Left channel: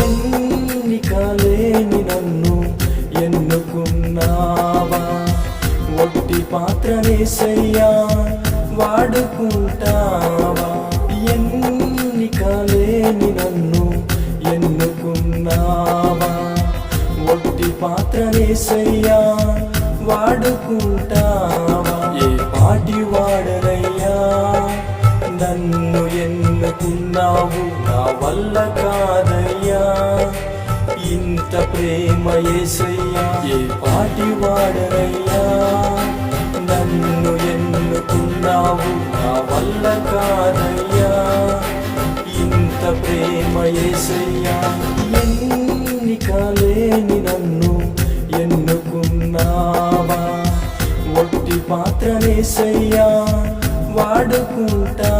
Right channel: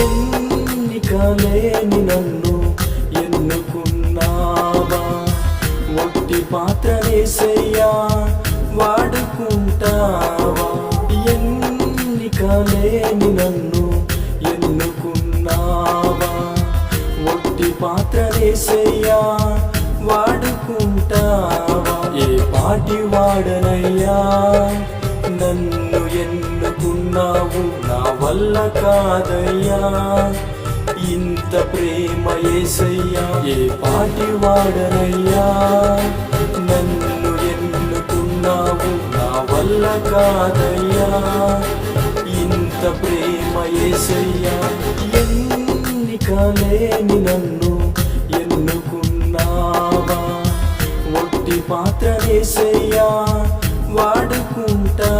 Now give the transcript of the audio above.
ఎన్నికలేని నన్ను ఎన్నుకున్నావా, ఒట్టి పాత్రనేసయ్యా వాడుకుంటావా. ఎన్నికలేని నన్ను ఎన్నుకున్నావా, ఒట్టి పాత్రనేసయ్యా వాడుకుంటావా. ఏ పాటి వాడనయ్యా నన్ను ఎన్నుకున్నావు, నా వల్ల కాదయ్యా ఇంత ప్రేమ యేసయ్యా. ఏ పాటి వాడనయ్యా నన్ను ఎన్నుకున్నావు, నా వల్ల కాదయ్యా ఇంత ప్రేమ యేసయ్యా. ఎన్నికలేని నన్ను ఎన్నుకున్నావా, ఒట్టి పాత్రనేసయ్యా వాడుకుంటా.